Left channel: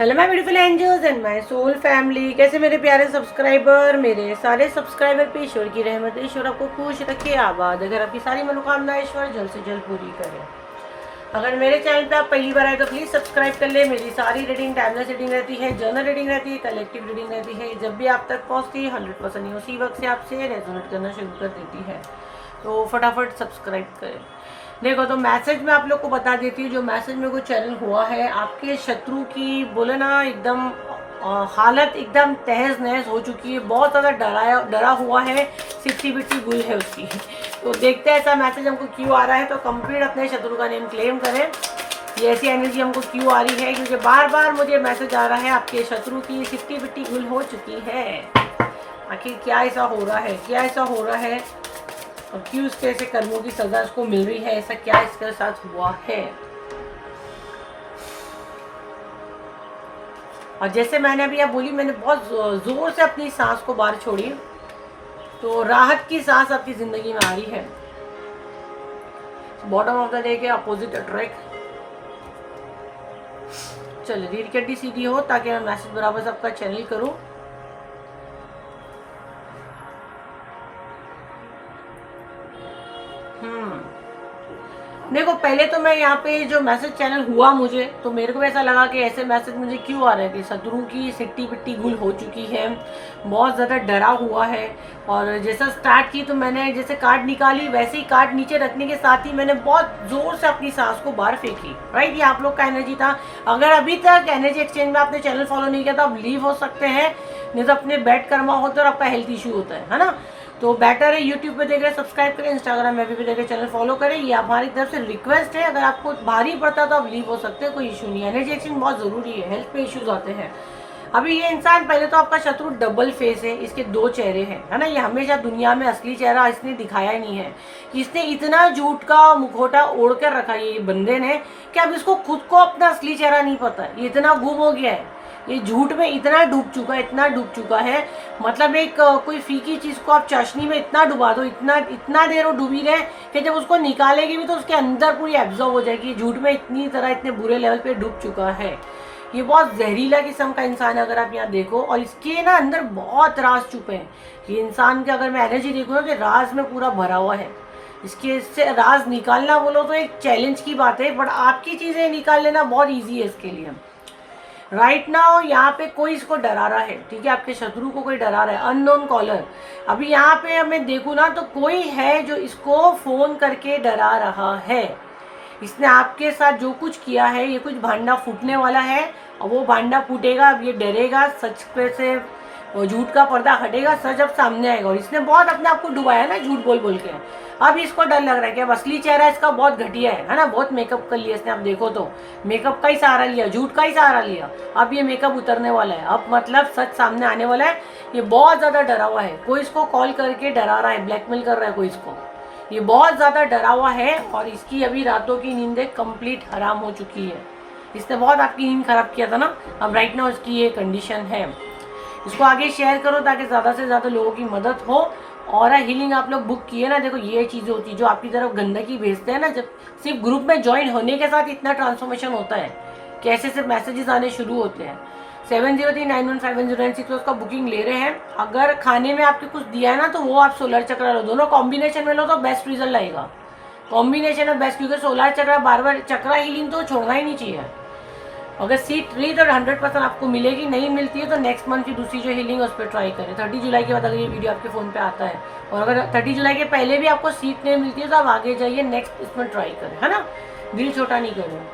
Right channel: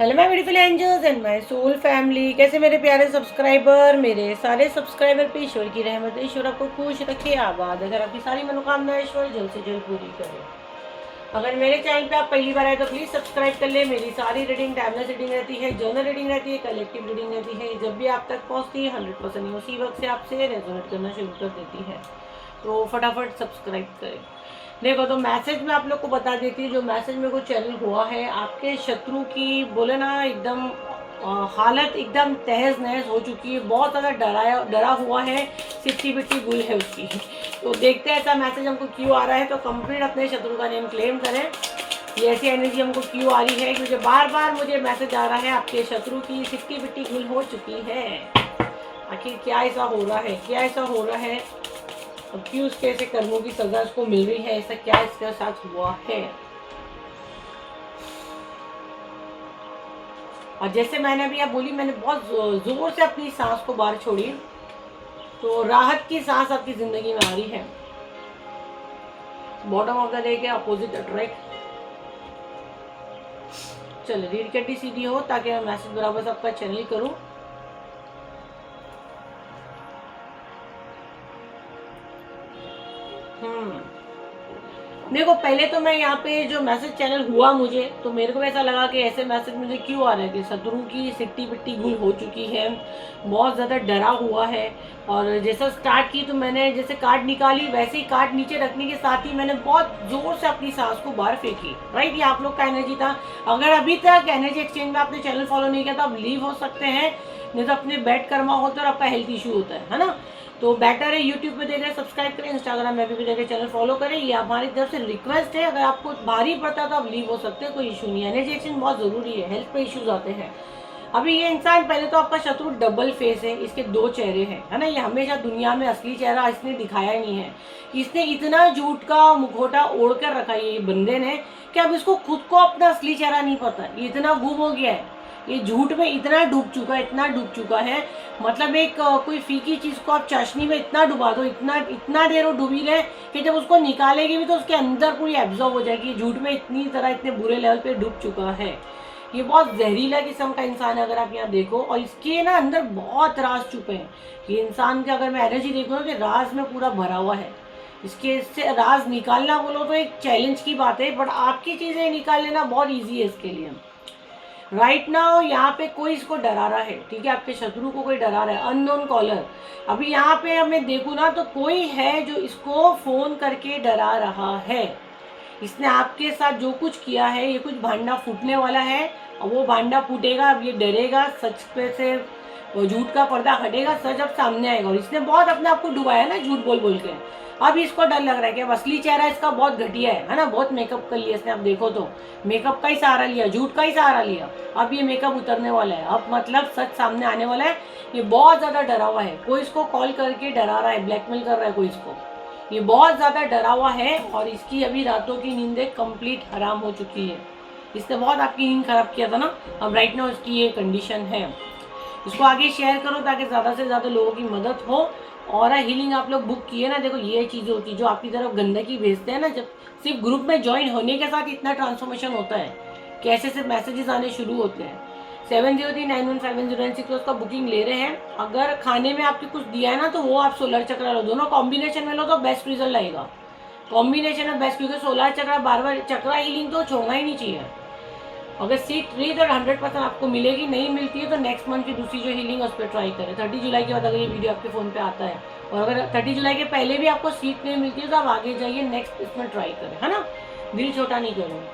Hello my beautiful angels and my soul family. कैसे मेरे प्यारे सब्सक्राइबर, मेरे सारे सब्सक्राइबर पे ईश्वर की रहमत, ईश्वर आपको खुश रखे, आबाद। अगर आपकी सारी मनोकामनाएं ईश्वर जल्द से जल्द पूरी करे। अगर मेरे चैनल पे आप पहली बार आए तो प्लीज़ सब्सक्राइब कर ले। मेरी सारी रीडिंग टाइमलेस रीडिंग रहती है, जर्नल रीडिंग रहती है, कलेक्टिव रीडिंग रहती है। जब भी आप तक पहुँचती है 100% नहीं उसी वक्त से आपसे रेजोनेट करना शुरू कर देती है। तो फटाफट सब्सक्राइब करें। देखो तो मैसेज में आप लोग को बता देती हूँ, जो मैसेज में को चैनल हुआ है, आपके शत्रु की बोले ना एकदम हालत एकदम तहस नहस हो चुकी है, बहुत ज़्यादा डरा हुआ है, सिट्टी बिट्टी गुल है उसकी। तो देखते हैं ऐसा मैसेज हमको क्यों आ रहा है। तो कंप्लीट अपने शत्रु का नेम क्लेम करें। ये ऐसी एनर्जी हमको क्यों आ रही है, क्योंकि बार बार मुझे मैसेज आ रहा है आपके शत्रु की सिट्टी बिट्टी गुल हो चुकी है। आखिर क्या ऐसा हो रहा है, क्या ऐसा हो रहा है और क्यों उसके ऐसे कर्मों की सजा उसको मिल रही है, ऐसा क्या इसके साथ हुआ है। और जैसे मैंने अभी आप बोली, मैंने बहुत जोर से अपनी सांस को बाहर छोड़ी, तो राहत की सांस आपकी जिंदगी में आ रही है। बॉटम ऑफ द डे के अपोजिट अट्रैक्ट। चलो रीड कड्डी सीधी हो ताकि मैं मैसेज बराबर से आपका चैनल करूं। देखो पहले तो मैं यहाँ पे जो मैसेज चैनल हुआ मुझे, तो मेरे को ऐसा लगा कि ऐसे मैसेज मुझे क्यों आ रहे हैं कि शत्रु की सिट्टी पिट्टी गुल हो चुकी है, बहुत ज़्यादा डरा हुआ है। और जैसा स्टार्ट की तो मैंने जैसे कार्ड निकाली, वैसे ही कार्ड नीचे रखने के साथ ही मैंने बहुत जोर से अपनी सांस को बाहर फेंकी। राइट, ये आप लोग का एनर्जी था। अगर अभी तक एनर्जी एक्सचेंज में आपने चैनल फॉलो नहीं किया तो आप लीव हो सकते हैं, नहीं तो अपने बैड कर्मा होता है और आपका हेल्थ इशू होता है ना। तो बेटर है यूट्यूब पे देख रहे सब्सक्राइब करें, इंस्टाग्राम में भी देख रहे चैनल फॉलो करें। ये हमारी तरफ से रिक्वेस्ट है। अगर आपको भारी पड़ता तो आप लीव हो सकते हैं, कोई इशू नहीं है। एनर्जी एक्सचेंज बहुत जरूरी है, हेल्थ पे इश्यूज आते हैं। अभी ये इंसान, पहले तो आपका शत्रु डबल फेस है, इसके दो चेहरे हैं, है ना। ये हमेशा दुनिया में असली चेहरा इसने दिखाया ही नहीं है। इसने इतना झूठ का मुखौटा ओढ़ कर रखा है ये बंदे ने, कि अब इसको खुद को अपना असली चेहरा नहीं पता है। ये इतना गुम हो गया है, ये झूठ में इतना डूब चुका है, इतना डूब चुका है। मतलब एक कोई फीकी चीज को आप चाशनी में इतना डुबा दो, इतना इतना देर वो डूबी रहे कि जब उसको निकालेगी भी तो उसके अंदर पूरी एब्जॉर्ब हो जाएगी। झूठ में इतनी तरह इतने बुरे लेवल पे डूब चुका है। ये बहुत जहरीला किस्म का इंसान है अगर आप यहाँ देखो। और इसके ना अंदर बहुत राज छुपे हैं। ये इंसान के अगर मैं एनर्जी देखूँ ना, कि राज में पूरा भरा हुआ है। इसके इससे राज निकालना बोलो तो एक चैलेंज की बात है, बट आपकी चीजें निकाल लेना बहुत ईजी है इसके लिए। राइट नाउ यहाँ पे कोई इसको डरा रहा है, ठीक है, आपके शत्रु को कोई डरा रहा है, अननोन कॉलर। अभी यहाँ पे मैं देखूँ ना तो कोई है जो इसको फोन करके डरा रहा है। इसने आपके साथ जो कुछ किया है, ये कुछ भांडा फूटने वाला है और वो भांडा फूटेगा। अब ये डरेगा, सच पे से झूठ का पर्दा हटेगा, सच अब सामने आएगा। और इसने बहुत अपने आप को डुबाया ना झूठ बोल बोल के। अब इसको डर लग रहा है कि अब असली चेहरा इसका बहुत घटिया है ना। बहुत मेकअप कर लिया इसने, आप देखो तो मेकअप का ही सहारा लिया, झूठ का ही सहारा लिया। अब ये मेकअप उतरने वाला है, अब मतलब सच सामने आने वाला है। ये बहुत ज्यादा डरा हुआ है, कोई इसको कॉल करके डरा रहा है, ब्लैकमेल कर रहा है कोई इसको। ये बहुत ज्यादा डरा हुआ है और इसकी अभी रातों की नींदें कंप्लीट हराम हो चुकी है। इसने बहुत आपकी नींद खराब किया था ना, अब राइट नाउ इसकी ये कंडीशन है। इसको आगे शेयर करो ताकि ज़्यादा से ज़्यादा लोगों की मदद हो। और हीलिंग आप लोग बुक किए ना, देखो ये चीज़ें होती है जो आपकी तरफ गंदगी भेजते हैं ना, जब सिर्फ ग्रुप में ज्वाइन होने के साथ इतना ट्रांसफॉर्मेशन होता है, कैसे सिर्फ मैसेजेस आने शुरू होते हैं। 7039157096 उसका बुकिंग ले रहे हैं। अगर खाने में आपके कुछ दिया है ना तो वो आप सोलर चक्र लो, दोनों कॉम्बिनेशन में लो तो बेस्ट रिजल्ट आएगा। कॉम्बिनेशन है बेस्ट, क्योंकि सोलर चक्र बार बार चक्रा हीलिंग तो छोड़ना ही नहीं चाहिए। अगर सीट रही तो 100% आपको मिलेगी, नहीं मिलती है तो नेक्स्ट मंथ की दूसरी जो हीलिंग है उस पर ट्राई करें। 30 जुलाई के बाद अगर ये वीडियो आपके फ़ोन पे आता है, और अगर 30 जुलाई के पहले भी आपको सीट नहीं मिलती है तो आप आगे जाइए, नेक्स्ट इसमें ट्राई करें, है ना। दिल छोटा नहीं करें।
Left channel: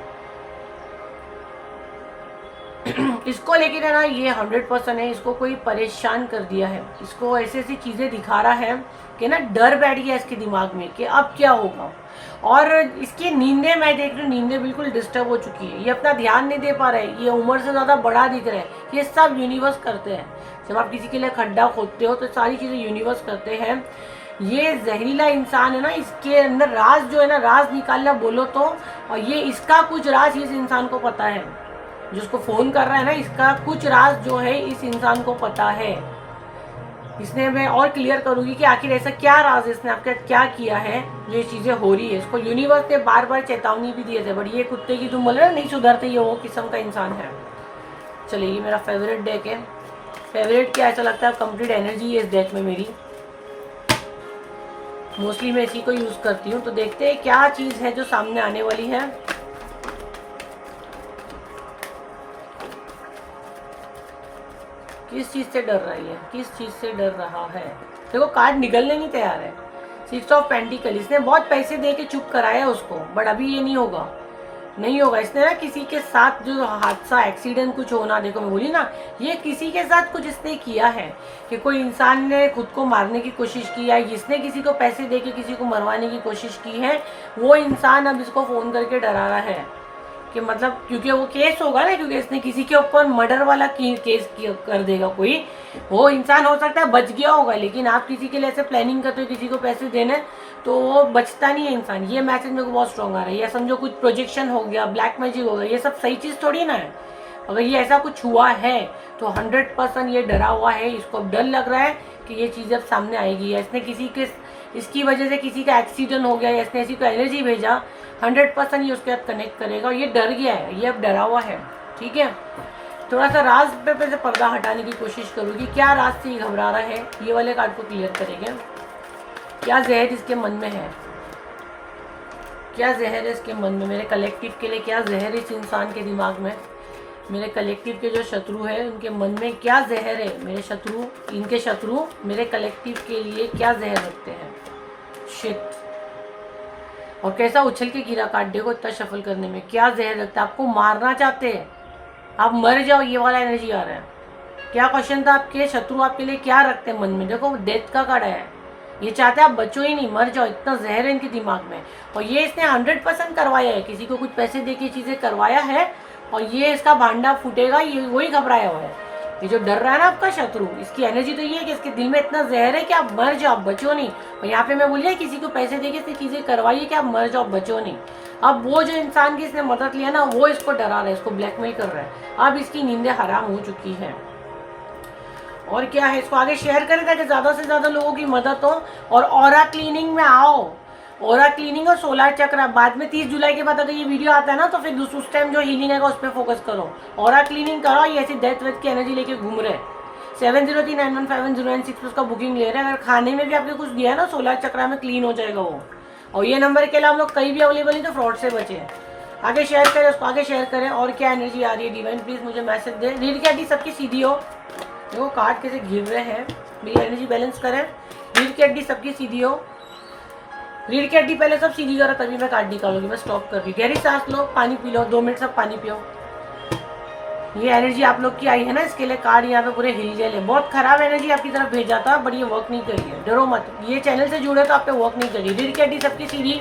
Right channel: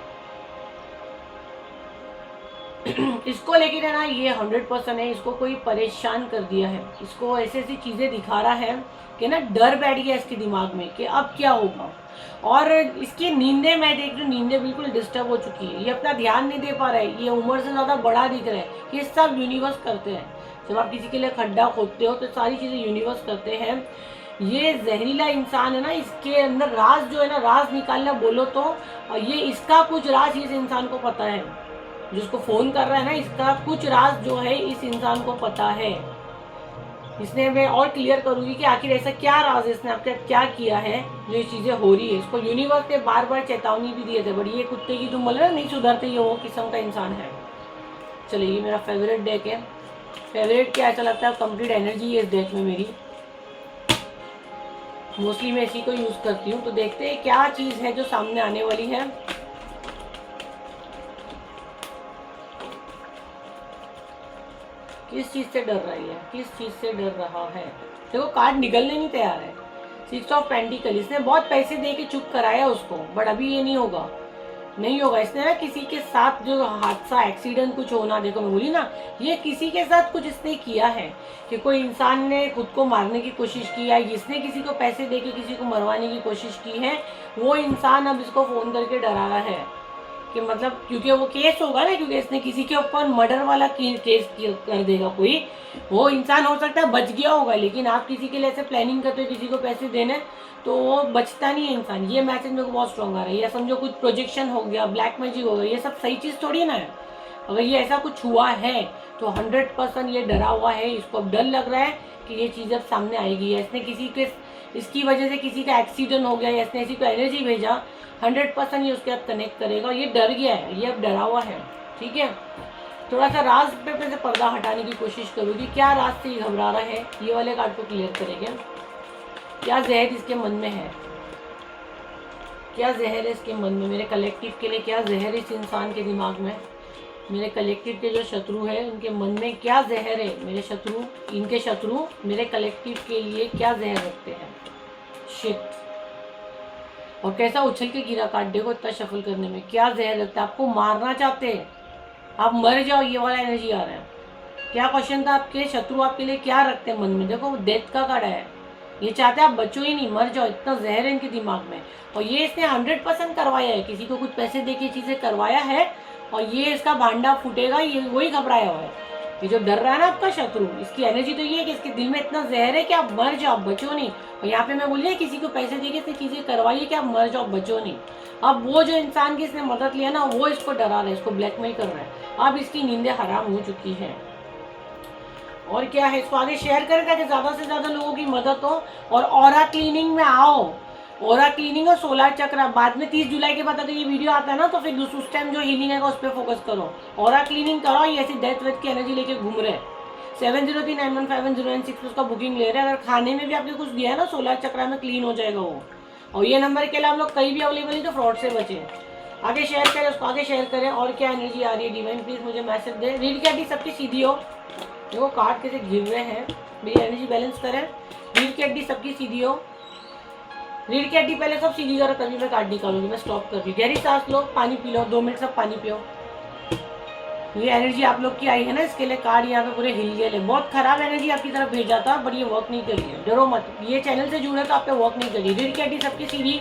इसको लेके ना ये 100% है, इसको कोई परेशान कर दिया है, इसको ऐसी ऐसी चीज़ें दिखा रहा है कि ना डर बैठ गया इसके दिमाग में कि अब क्या होगा। और इसकी नींदें मैं देख रही हूँ, नींदें बिल्कुल डिस्टर्ब हो चुकी है। ये अपना ध्यान नहीं दे पा रहा है, ये उम्र से ज़्यादा बड़ा दिख रहा है। ये सब यूनिवर्स करते हैं। जब आप किसी के लिए खड्डा खोदते हो तो सारी चीज़ें यूनिवर्स करते हैं। ये जहरीला इंसान है ना, इसके अंदर राज जो है ना, राज निकालना बोलो तो, और ये इसका कुछ राज इस इंसान को पता है। जिसको फोन कर रहा है ना, इसका कुछ राज जो है इस इंसान को पता है। इसने, मैं और क्लियर करूंगी कि आखिर ऐसा क्या राज इसने आपका क्या किया है जो ये चीजें हो रही है। इसको यूनिवर्स ने बार बार चेतावनी भी दिए थे, बट ये कुत्ते की तुम बोले ना नहीं सुधरते, ये वो किस्म का इंसान है। चलिए ये मेरा फेवरेट डेक है। फेवरेट क्या ऐसा लगता है, कंप्लीट एनर्जी है इस डेक में मेरी। मोस्टली मैं इसी को यूज़ करती हूँ। तो देखते हैं क्या चीज़ है जो सामने आने वाली है। किस चीज़ से डर रही है, किस चीज़ से डर रहा है। देखो कार्ड निकलने नहीं तैयार है। 6 ऑफ पेंटिकल, इसने बहुत पैसे दे के चुप कराया उसको, बट अभी ये नहीं होगा, नहीं होगा। इसने ना किसी के साथ जो हादसा एक्सीडेंट कुछ होना, देखो मैं बोली ना, ये किसी के साथ कुछ इसने किया है कि कोई इंसान ने खुद को मारने की कोशिश की या इसने किसी को पैसे दे के किसी को मरवाने की कोशिश की है। वो इंसान अब इसको फ़ोन करके डरा रहा है कि मतलब, क्योंकि वो केस होगा ना, क्योंकि इसने किसी के ऊपर मर्डर वाला केस कर देगा कोई। वो इंसान हो सकता है बच गया होगा, लेकिन आप किसी के लिए ऐसे प्लानिंग करते हो किसी को पैसे देने, तो वो बचता नहीं है इंसान। ये मैसेज मेरे को बहुत स्ट्रॉन्ग आ रहा है। या समझो कुछ प्रोजेक्शन हो गया, ब्लैक मैजिक हो गया, ये सब सही चीज़ थोड़ी ना है। अगर ये ऐसा कुछ हुआ है तो 100% ये डरा हुआ है, इसको डर लग रहा है कि ये चीज़ अब सामने आएगी, या इसने किसी के, इसकी वजह से किसी का एक्सीडेंट हो गया, या इसने ऐसी कोई एनर्जी भेजा, 100% ये उसके साथ कनेक्ट करेगा। ये डर गया है, ये अब डरा हुआ है। ठीक है, थोड़ा सा राज पे से पर्दा हटाने की कोशिश करूँगी, क्या राज से ये घबरा रहा है, ये वाले कार्ड को क्लियर करेंगे। क्या जहर इसके मन में है, क्या जहर है इसके मन में, मेरे कलेक्टिव के लिए क्या जहर है इस इंसान के दिमाग में। मेरे कलेक्टिव के जो शत्रु है उनके मन में क्या जहर है, मेरे शत्रु, इनके शत्रु मेरे कलेक्टिव के लिए क्या जहर रखते हैं। शिट, और कैसा उछल के गिरा कार्ड, देखो इतना शफल करने में, क्या जहर रखता है, आपको मारना चाहते हैं, आप मर जाओ, ये वाला एनर्जी आ रहा है। क्या क्वेश्चन था, आपके शत्रु आपके लिए क्या रखते हैं मन में, देखो डेथ का कार्ड है। ये चाहते हैं आप बचो ही नहीं, मर जाओ, इतना जहर है इनके दिमाग में। और ये इसने 100% करवाया है, किसी को कुछ पैसे दे के चीज़ें करवाया है, और ये इसका भांडा फूटेगा, ये वही घबराया हुआ है। ये जो डर रहा है ना आपका शत्रु, इसकी एनर्जी तो ये है कि इसके दिल में इतना जहर है कि आप मर जाओ, बचो नहीं। और यहाँ पे मैं बोलिए किसी को पैसे दे के इसने चीज़ें करवाई है कि आप मर जाओ, बचो नहीं। अब वो जो इंसान की इसने मदद लिया ना, वो इसको डरा रहा है, इसको ब्लैकमेल कर रहा है। अब इसकी नींदें हराम हो चुकी हैं। और क्या है, इसको आगे शेयर करें ताकि ज़्यादा से ज़्यादा लोगों की मदद हो। और ऑरा क्लीनिंग में आओ, ऑरा क्लीनिंग और सोलर चक्र बाद में 30 जुलाई के बाद अगर ये वीडियो आता है ना, तो फिर उस टाइम जो हीलिंग है उस पर फोकस करो। ऑरा क्लीनिंग करो, ये ऐसी डेथ वेथ की एनर्जी लेके घूम रहे। 7039157096 पे उसका बुकिंग ले रहे हैं। अगर खाने में भी आपने कुछ दिया है ना, सोलर चक्र में क्लीन हो जाएगा वो। और ये नंबर के लिए हम लोग कहीं भी अवेलेबल नहीं, तो फ्रॉड से बचे। आगे शेयर करें, उसको आगे शेयर करें। और क्या एनर्जी आ रही है, डिवाइन प्लीज मुझे मैसेज दे। रीड क्या डी सबकी सीधी हो, देखो कार्ड कैसे गिर रहे हैं, मेरी एनर्जी बैलेंस करें। रीड की हड्डी सबकी सीधी हो, रीड की हड्डी पहले सब सीधी करो, तभी मैं कार्ड निकालूंगी। मैं स्टॉप कर रही हूँ, गहरी सांस लो, पानी पी लो, 2 मिनट सब पानी पियो। ये एनर्जी आप लोग की आई है ना, इसके लिए कार्ड यहाँ पे पूरे हिल गए। बहुत खराब एनर्जी आपकी तरफ भेजा था, बट ये वर्क नहीं करी है, डरो मत। ये चैनल से जुड़े तो आप पे वर्क नहीं करी। रीड की हड्डी सबकी सीधी,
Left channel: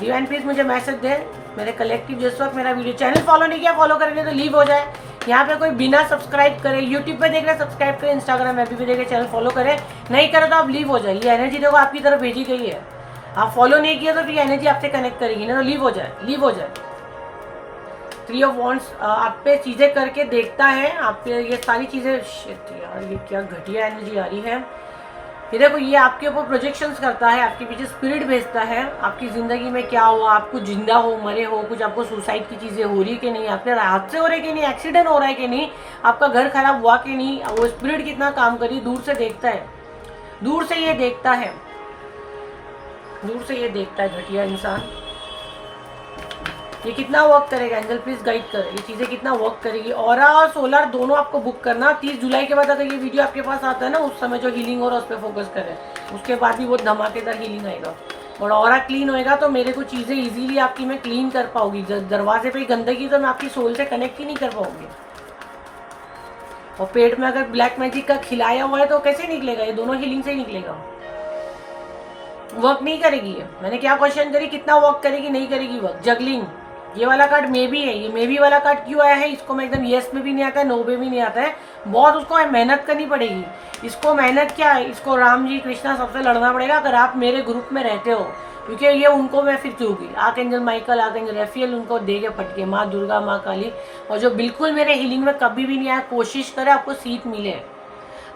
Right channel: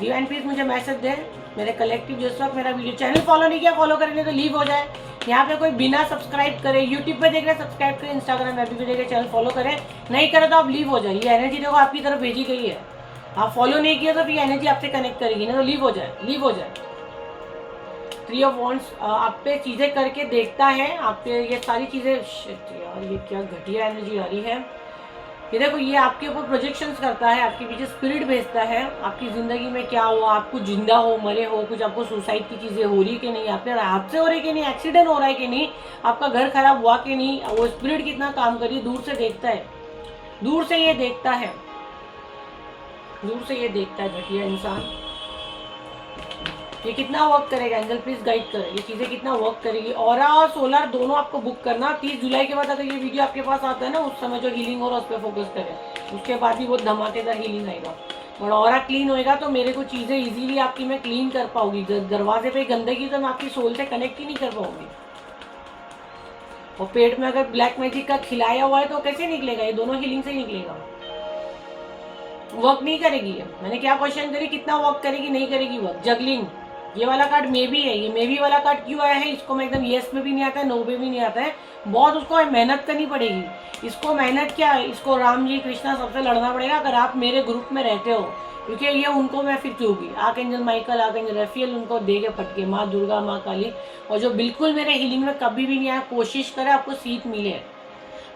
डिवाइन प्लीज मुझे मैसेज दे। मेरे कलेक्टिव जिस वक्त मेरा वीडियो चैनल फॉलो नहीं किया, फॉलो करेंगे तो लीव हो जाए। यहाँ पे कोई बिना सब्सक्राइब करे, यूट्यूब पे देख रहे सब्सक्राइब करें, इंस्टाग्राम ऐप पे देख रहे चैनल फॉलो करें, नहीं करे तो आप लीव हो जाए। ये एनर्जी देखो आपकी तरफ भेजी गई है, आप फॉलो नहीं किया तो फिर एनर्जी आपसे कनेक्ट करेगी, नहीं तो लीव हो जाए, लीव हो जाए। 3 ऑफ वॉन्ड्स आप पे चीज़ें करके देखता है, आप पे ये सारी चीज़ें। शिट यार, ये क्या घटिया एनर्जी आ रही है। ये देखो, ये आपके ऊपर प्रोजेक्शंस करता है, आपके पीछे स्पिरिट भेजता है। आपकी ज़िंदगी में क्या हुआ, आप कुछ जिंदा हो, मरे हो, कुछ आपको सुसाइड की चीज़ें हो रही कि नहीं, आपके हादसे हो रहे कि नहीं, एक्सीडेंट हो रहा है कि नहीं, आपका घर खराब हुआ कि नहीं, वो स्पिरिट कितना काम करी, दूर से देखता है, दूर से ये देखता है, दूर से ये देखता है घटिया इंसान। ये कितना वर्क करेगा, एंजल प्लीज गाइड करे, ये चीज़ें कितना वर्क करेगी। ऑरा और सोलर दोनों आपको बुक करना। 30 जुलाई के बाद अगर ये वीडियो आपके पास आता है ना, उस समय जो हीलिंग हो रहा है उस पर फोकस करें, उसके बाद भी बहुत धमाकेदार हीलिंग आएगा। और ऑरा क्लीन होएगा तो मेरे को चीज़ें इजीली आपकी मैं क्लीन कर पाऊंगी। दरवाजे पे गंदगी तो मैं आपकी सोल से कनेक्ट ही नहीं कर पाऊंगी। और पेट में अगर ब्लैक मैजिक का खिलाया हुआ है तो कैसे निकलेगा, ये दोनों हीलिंग से ही निकलेगा। वर्क नहीं करेगी ये। मैंने क्या क्वेश्चन करी, कितना वर्क करेगी, नहीं करेगी वर्क। जगलिंग, ये वाला कार्ड मे भी है। ये मे भी वाला कार्ड क्यों आया है, इसको मैं एकदम येस में भी नहीं आता है, नो में भी नहीं आता है। बहुत उसको मेहनत करनी पड़ेगी। इसको मेहनत क्या है, इसको राम जी कृष्णा सबसे लड़ना पड़ेगा अगर आप मेरे ग्रुप में रहते हो, क्योंकि ये उनको मैं फिर दूंगी। Archangel Michael, archangel Raphael, उनको दे के पटके, माँ दुर्गा, माँ काली। और जो बिल्कुल मेरे हीलिंग में कभी भी नहीं आया, कोशिश करे आपको सीट मिले।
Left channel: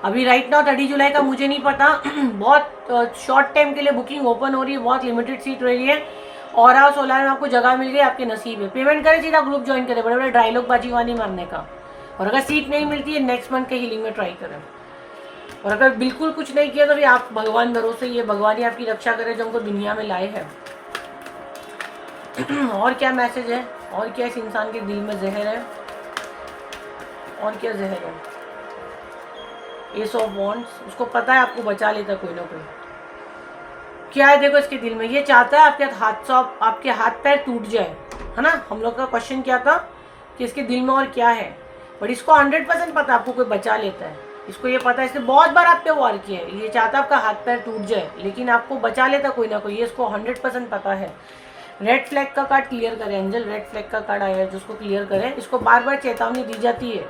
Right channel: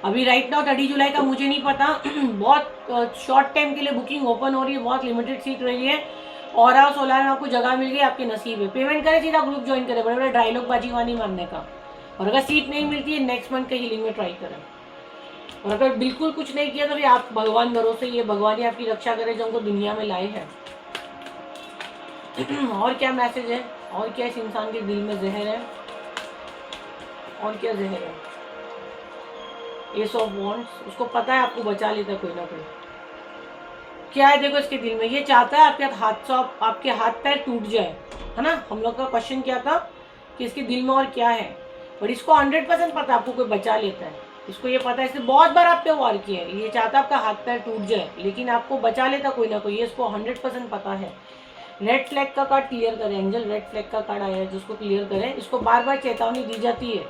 अभी राइट नाउ 30 जुलाई का मुझे नहीं पता बहुत शॉर्ट टाइम के लिए बुकिंग ओपन हो रही है, बहुत लिमिटेड सीट रही है। ऑरा सोलर में आपको जगह मिल गई, आपके नसीब है। पेमेंट करें, सीधा ग्रुप ज्वाइन करें, बड़े बड़े डायलॉग बाजी वानी मारने का। और अगर सीट नहीं मिलती है नेक्स्ट मंथ के हीलिंग में ट्राई करें। और अगर बिल्कुल कुछ नहीं किया तो फिर आप भगवान भरोसे, ये भगवान ही आपकी रक्षा करे जो हमको दुनिया में लाए हैं। और क्या मैसेज है, और क्या इस इंसान के दिल में जहर है, और क्या जहर है। एस ऑफ वॉन्ड्स, उसको पता है आपको बचा लेता कोई ना कोई। क्या है देखो इसके दिल में, ये चाहता है आपके हाथ पैर टूट जाए, है ना। हम लोग का क्वेश्चन क्या था कि इसके दिल में और क्या है, बट इसको 100% पता है आपको कोई बचा लेता है। इसको ये पता है, इसने बहुत बार आप पे वार किया है। ये चाहता है आपका हाथ पैर टूट जाए, लेकिन आपको बचा लेता कोई ना कोई, ये इसको 100% पता है। रेड फ्लैग का कार्ड क्लियर करें, एंजल रेड फ्लैग का कार्ड आया है जिसको क्लियर करें। इसको बार बार चेतावनी दी जाती है,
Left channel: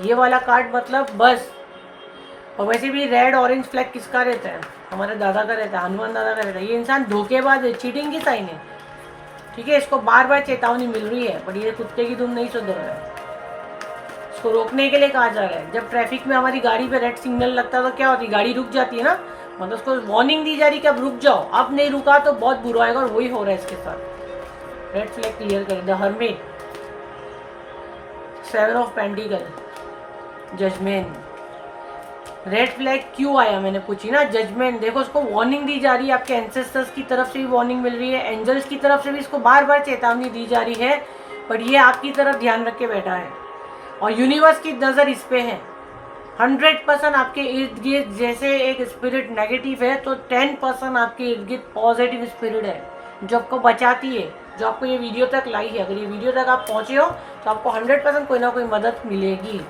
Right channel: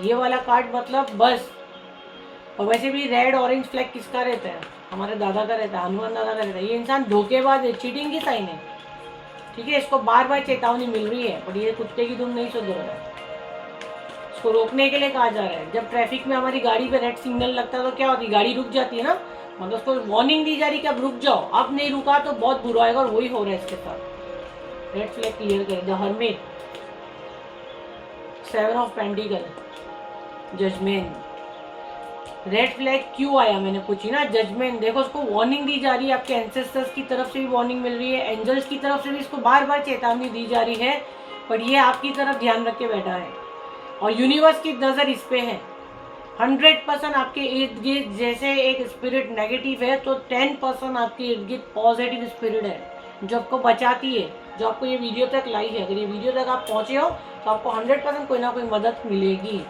ये वाला कार्ड मतलब बस। और वैसे भी रेड ऑरेंज फ्लैग किसका रहता है, हमारे दादा का रहता है, हनुमान दादा का रहता है। ये इंसान धोखेबाज है, चीटिंग की साइन है, ठीक है। इसको बार बार चेतावनी मिल रही है, बट ये कुत्ते की धुन नहीं सुधर रहा है। इसको रोकने के लिए कहा जा रहा है। जब ट्रैफिक में हमारी गाड़ी पे रेड सिग्नल लगता है तो क्या होती है, गाड़ी रुक जाती है ना, मतलब उसको वार्निंग दी जा रही है कि अब रुक जाओ। अब नहीं रुका तो बहुत बुरा आएगा, और वही हो रहा है इसके साथ। रेड फ्लैग क्लियर करें। The hermit, 7 of pentacles, judgment. Red flag क्यों आया मैंने पूछी ना, जजमेंट। देखो उसको वार्निंग दी जा रही है, आपके एंसेस्टर्स की तरफ से भी वार्निंग मिल रही है, एंजल्स की तरफ से भी इसको बार बार चेतावनी दी जा रही है, पर ये आपकी तरफ ध्यान रख के बैठा है। और यूनिवर्स की नज़र इस पे है। 100% आपके इर्द गिर्द जैसे एक स्पिरिट नेगेटिव है, तो 10% आपके इर्द गिर्द पॉजिटिव स्पिरिट है जो आपको बचाती है, जो आपको ये वीडियो तक लाई है। अगर ये वीडियो तक आप पहुँचे हो तो आपको 100% कोई ना कोई मदद मिलेगी।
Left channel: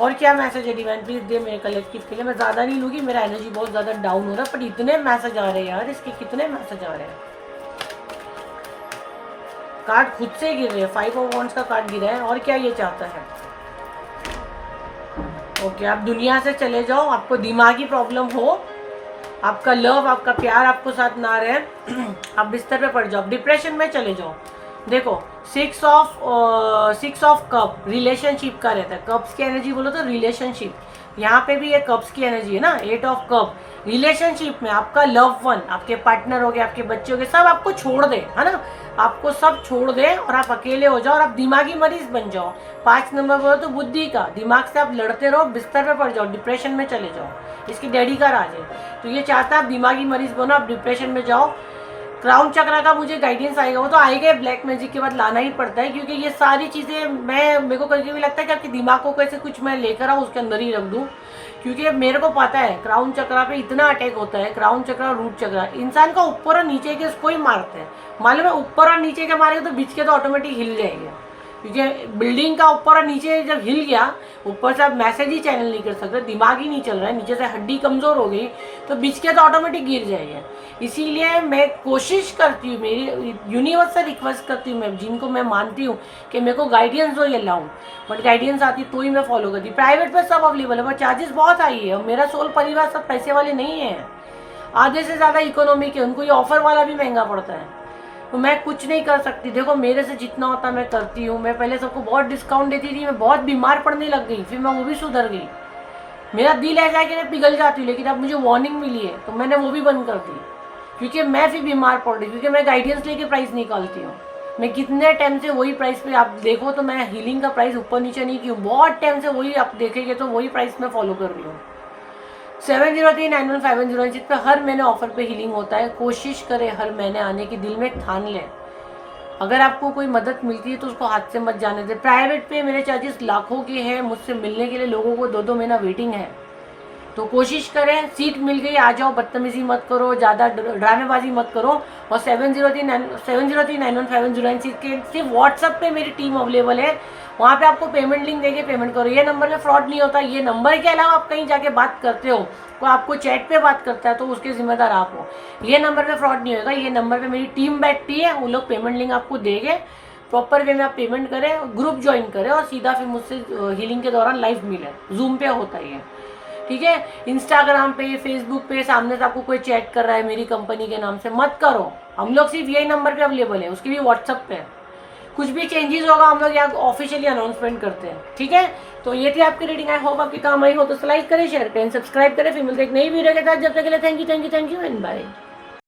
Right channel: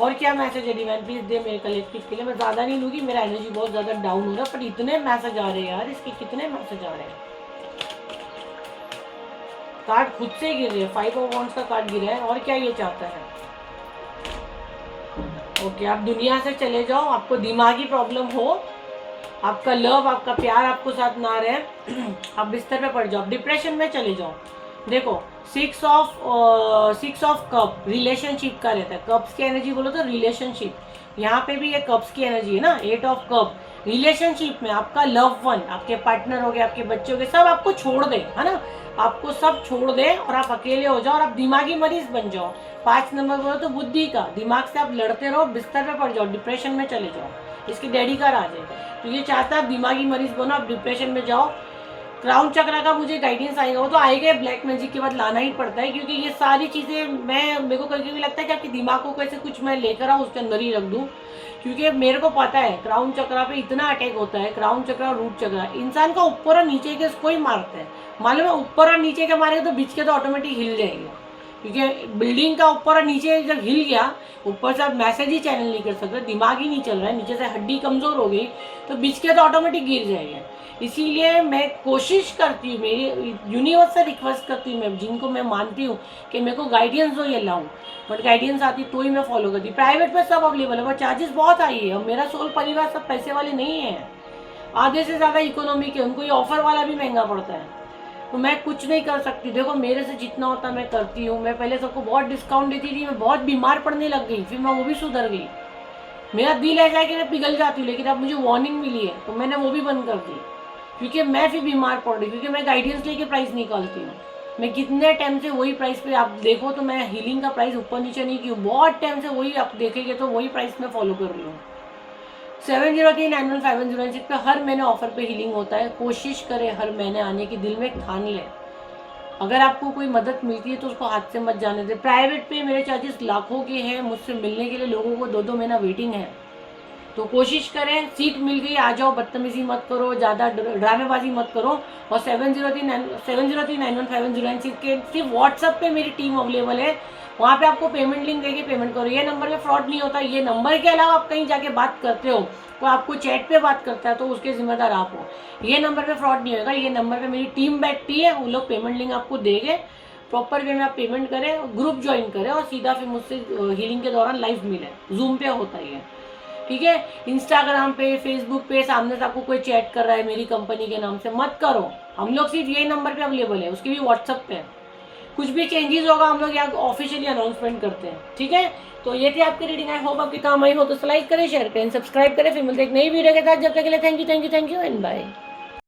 और क्या मैसेज है डिवाइन प्लीज दे मेरे कलेक्टिव के लिए। मैं ज़्यादा नहीं लूँगी, मेरा एनर्जी बहुत ज़्यादा डाउन हो रहा है, पर इतने मैसेज आ रहे हैं यार, इसके कितने मैसेज आ रहे हैं। कार्ड खुद से गिर रहे हैं, 5 ऑफ वॉन्ड्स का कार्ड गिरा है। और क्या ये चाहता है, ओके आप दुनिया से चले जाओ, आपको दिमागी प्रॉब्लम हो, आपका लव, आपका प्यार आपको साथ ना रहे, आप बिस्तर पे पड़ जाओ, डिप्रेशन में चले जाओ। देखो 6 ऑफ कप रिलेशनशिप का रहता है। कप्स की एनर्जी बोलो तो रिलेशनशिप, यहाँ पे भी ये कप्स की एनर्जी है ना। 8 ऑफ कप रिलेशनशिप में आपका लव वन, आपके पार्टनर हो गए, आपके बच्चे हो गए, सब आपको छोड़ दे, है ना, आपको सब छोड़ दे और आप अकेले हो जाओ और आप दिमागी मरीज बन जाओ। 5 नंबर बोलो तो बुद्धि का, दिमाग से आप लड़ते रहो, बिस्तर पे पड़ जाओ, डिप्रेशन में चले जाओ। इसकी डैडी का राज है, तो ये चाहता है आप दिमागी मरीज बनो, आप डिप्रेशन में जाओ। क्राउन चक्र का मुझे गाइडेंस आएगा, वो तो आएगा, ब्लैक मैजिक के बाद लाना ही पड़ता है, क्योंकि ये सारी चीज़ें मेरे को कभी कभी लगता है कि आपके दिमाग को कैसे कुछ मैं लेकर आऊँ उसके अंदर ही रख दूँ, क्योंकि मेरे को पता है क्राउन चक्र पे इतना अटैक होता है। क्राउन चक्र और रूट चक्र इंसान का ऊपर और नीचे के इसको ही मारते हैं, मालूम है। ऊपर और नीचे के मारेगा तो बीच के तो ऑटोमेटिक हिल जाएंगे, क्योंकि बिल्डिंग का ऊपर और नीचे जब हिल गया, यूपर से आप मैसेज ही चैनल नहीं कर सकते, दिमाग ही नहीं चल रहा है, नीचे से हड्डी कमजोर हो गई तो बीच के तो ऑटोमेटिक गिर जाएगा। इसीलिए मैं कोशिश करती हूँ, मेरी यूनिवर्स से रिक्वेस्ट करती हूँ, मैं जिनको मैं मानती हूँ कि मेरे को गाइडेंस हो ये लाऊं, बट गाइडेंस आती तो ही मैं फॉलो करती। प्राइवेट पे सब अवेलेबल है, बट चार्जेस बहुत हाई है। और मेरा सोल परिवार सब पैसे वाले नहीं है, आधे से ज़्यादा इकोनॉमिक है, उनको ये ऑफर वाला भी महंगा पड़ता है, तो मैं कुछ नहीं कर सकती। देखो मेरे से जितना होता है मैं करती हूँ। मैं पहले सबको बहुत डिस्काउंट देती थी, मैं बहुत बीमार पड़ने लग गई, फिर मैं वो भी सुधर गई। मेरा दिल ऐसा है कि मैं पिघल जाती हूँ, लेकिन अब मुझे वार्निंग मिली है तो मैंने वो भी बंद कर दी, क्योंकि मैं फिर बीमार पड़ रही, क्योंकि मैं गाइडेंस लेके प्राइस निकालती हूँ। मैं कितने टाइम से वही प्राइस पे, आप देखो तो मैं हीलिंग का प्राइस ऊपर नीचे नहीं की हूँ, बहुत टाइम से वही, आप देखेंगे तो वही प्राइस मैं फॉलो कर रही हूँ। 70391510 पे हर महीने ऑफर पे हीलिंग होता है। कोशिश करें हर महीने आने की, दिल में ठान लें। अगर आपको कोई मदद मिलती है तो उसको हाथ से मत जाने दें। प्राइवेट पे मेरे चार्जेस लाखों के हैं, मुझसे मिलने के लिए लोगों को 2-2 महीना वेटिंग है, तो कोशिश करें, सीट मिल गई आ जाओ, बदतमीजी मत करो, ज़्यादा ड्रामेबाजी मत करो। और 70391510 के सिर्फ व्हाट्सएप पे मेरी टीम अवेलेबल है, वहाँ पे आपको पेमेंट लिंक देके पेमेंट करो। ये नंबर पे फ्रॉड नहीं होता, ये नंबर के अलावा आप कहीं जाके बात करते हो, कोई आपको चैट पे बात करता है तो उसके जिम्मेदार आप हो। ये नंबर पे फ्रॉड नहीं होगा, ये नंबर पे मेरी टीम बैठती है, वो लोग पेमेंट लिंक आपको देंगे, प्रॉपर वे में आप पेमेंट करें, ग्रुप ज्वाइन करें और सीधा फिर मुझसे हीलिंग के दौरान लाइव मिले। जूम पे होता ही है, ठीक है। इंस्टाग्राम पे, फेसबुक पे सामने से आपको कोई चैट कर रहा है मेरी कंपनी के नाम से, मत करो। हम लोग सिर्फ यही नंबर पे अवेलेबल है, उसकी भी व्हाट्सएप पे। कुछ भी चेंजेस होगा हम लोग यहाँ ऑफिशियली अनाउंसमेंट करते हैं, ठीक है। तो ये थी आपकी रीडिंग, आई होप आपके काम आई हो, तो लाइक करें, शेयर करें, सब्सक्राइब करें। फिर मिलते एक नई वीडियो के साथ, जब तक के लिए थैंक यू एंड बाय।